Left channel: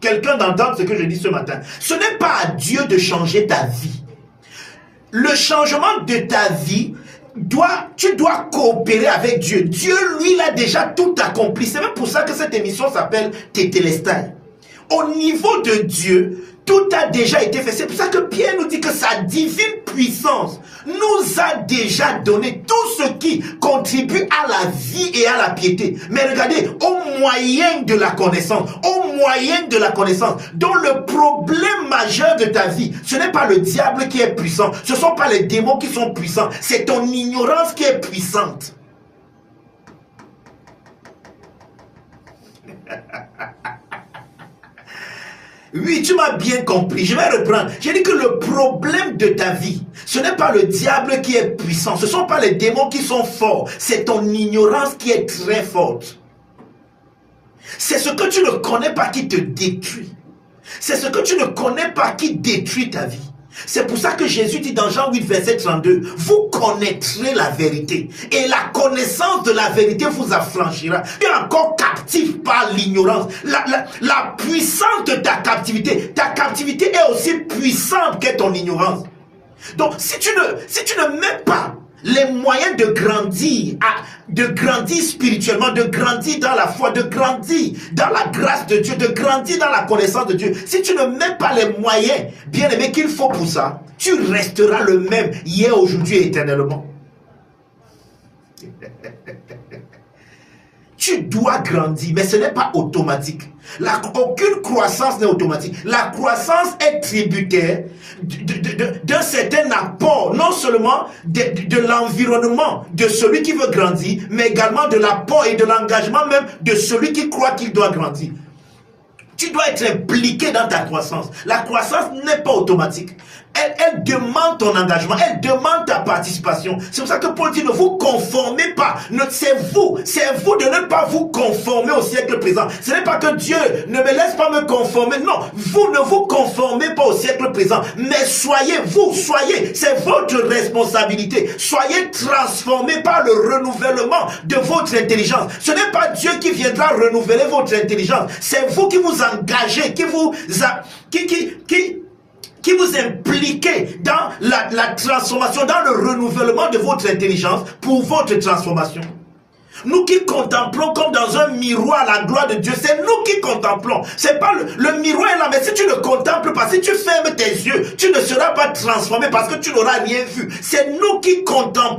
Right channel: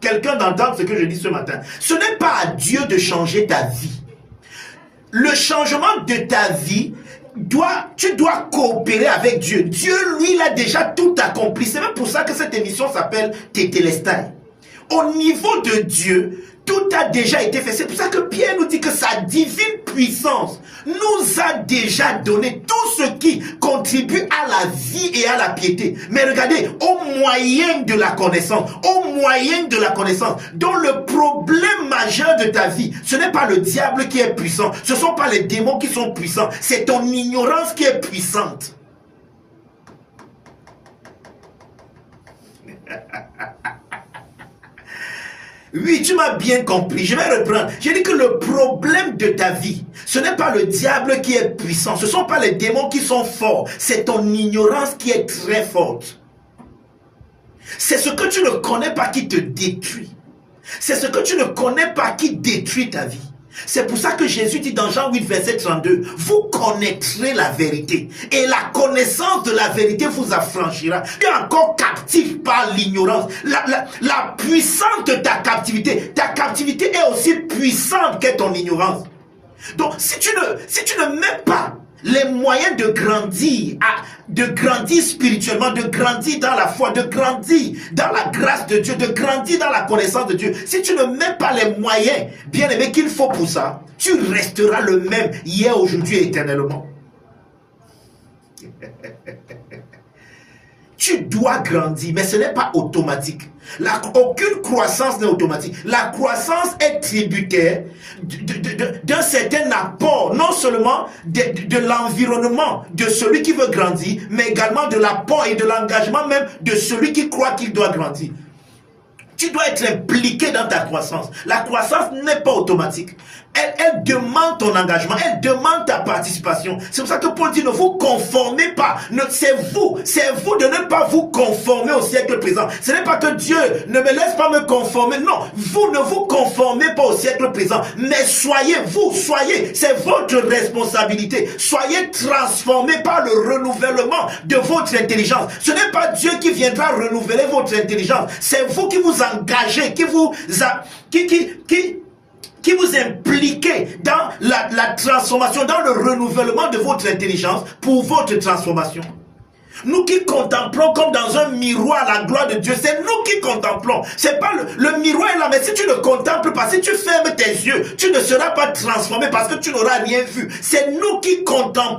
quelqu'un d'entendre ce que je dis ce matin. Ce n'est pas à Dieu de changer ta vie. Le changement de ta vie, tu dois coopérer avec Dieu. Dieu, lui, il a déjà tout accompli. C'est même pour ça que cette émission s'appelle Tétélestai. Au niveau de Dieu, tout a déjà été fait. C'est pour ça que Pierre nous dit que sa divine puissance nous a déjà donné tout ce qui contribue à la vie et à la piété. Mais regardez, au moyen de la connaissance, dont le problème majeur de ta vie, ce n'est pas le diable qui est puissant, ce ne sont pas les démons qui sont puissants, c'est ton ignorance qui est puissante. Oui, tu m'as bien compris. Je vais reprendre. J'ai dit que le problème de ta vie, ce n'est pas le diable qui est puissant. Ce ne sont pas les démons qui sont forts. C'est ton ignorance qui est très forte. C'est ce que tu ne connais pas qui te détruit. C'est ce que tu ne connais pas qui détruit ta vie. C'est pour ça que Jésus dit dans Jean 8, verset 32, vous connaîtrez la vérité et la connaissance de la vérité vous affranchira. Tu es encore captif par l'ignorance. La puissance de ta captivité est aussi puissante que ton ignorance. Donc si tu ne mets pas les moyens de grandir spirituellement, de grandir dans la foi, de grandir dans la grâce de Dieu, de grandir dans la connaissance de Dieu. Si tu ne mets pas les moyens, bien aimé, qu'il faut pour ça, tu resteras le même hier, aujourd'hui et éternellement. Tu dois grandir, mais ce n'est pas automatique. Aucune croissance n'est automatique. La croissance est tributaire d'un certain apport, non seulement de l'environnement de celui qui veut grandir, mais également de l'apport et de l'engagement même de celui qui croit qu'il doit grandir. Tu dois être impliqué dans ta croissance. La croissance n'est pas automatique. Elle demande ton engagement, elle demande ta participation. C'est pour ça que Paul dit, ne vous conformez pas. C'est vous de ne pas vous conformer au siècle présent. Ce n'est pas que Dieu ne me laisse pas me conformer. Non, vous ne vous conformez pas au siècle présent. Mais soyez, c'est votre responsabilité. Soyez transformés par le renouvellement de votre intelligence. Ce n'est pas Dieu qui viendra renouveler votre intelligence. C'est vous qui vous engagez, qui vous impliquez dans la transformation, dans le renouvellement de votre intelligence pour votre transformation. Nous qui contemplons comme dans un miroir la gloire de Dieu, c'est nous qui contemplons. C'est pas le miroir est là, mais si tu ne contemples pas, si tu fermes tes yeux, tu ne seras pas transformé parce que tu n'auras rien vu. C'est nous qui contemplons.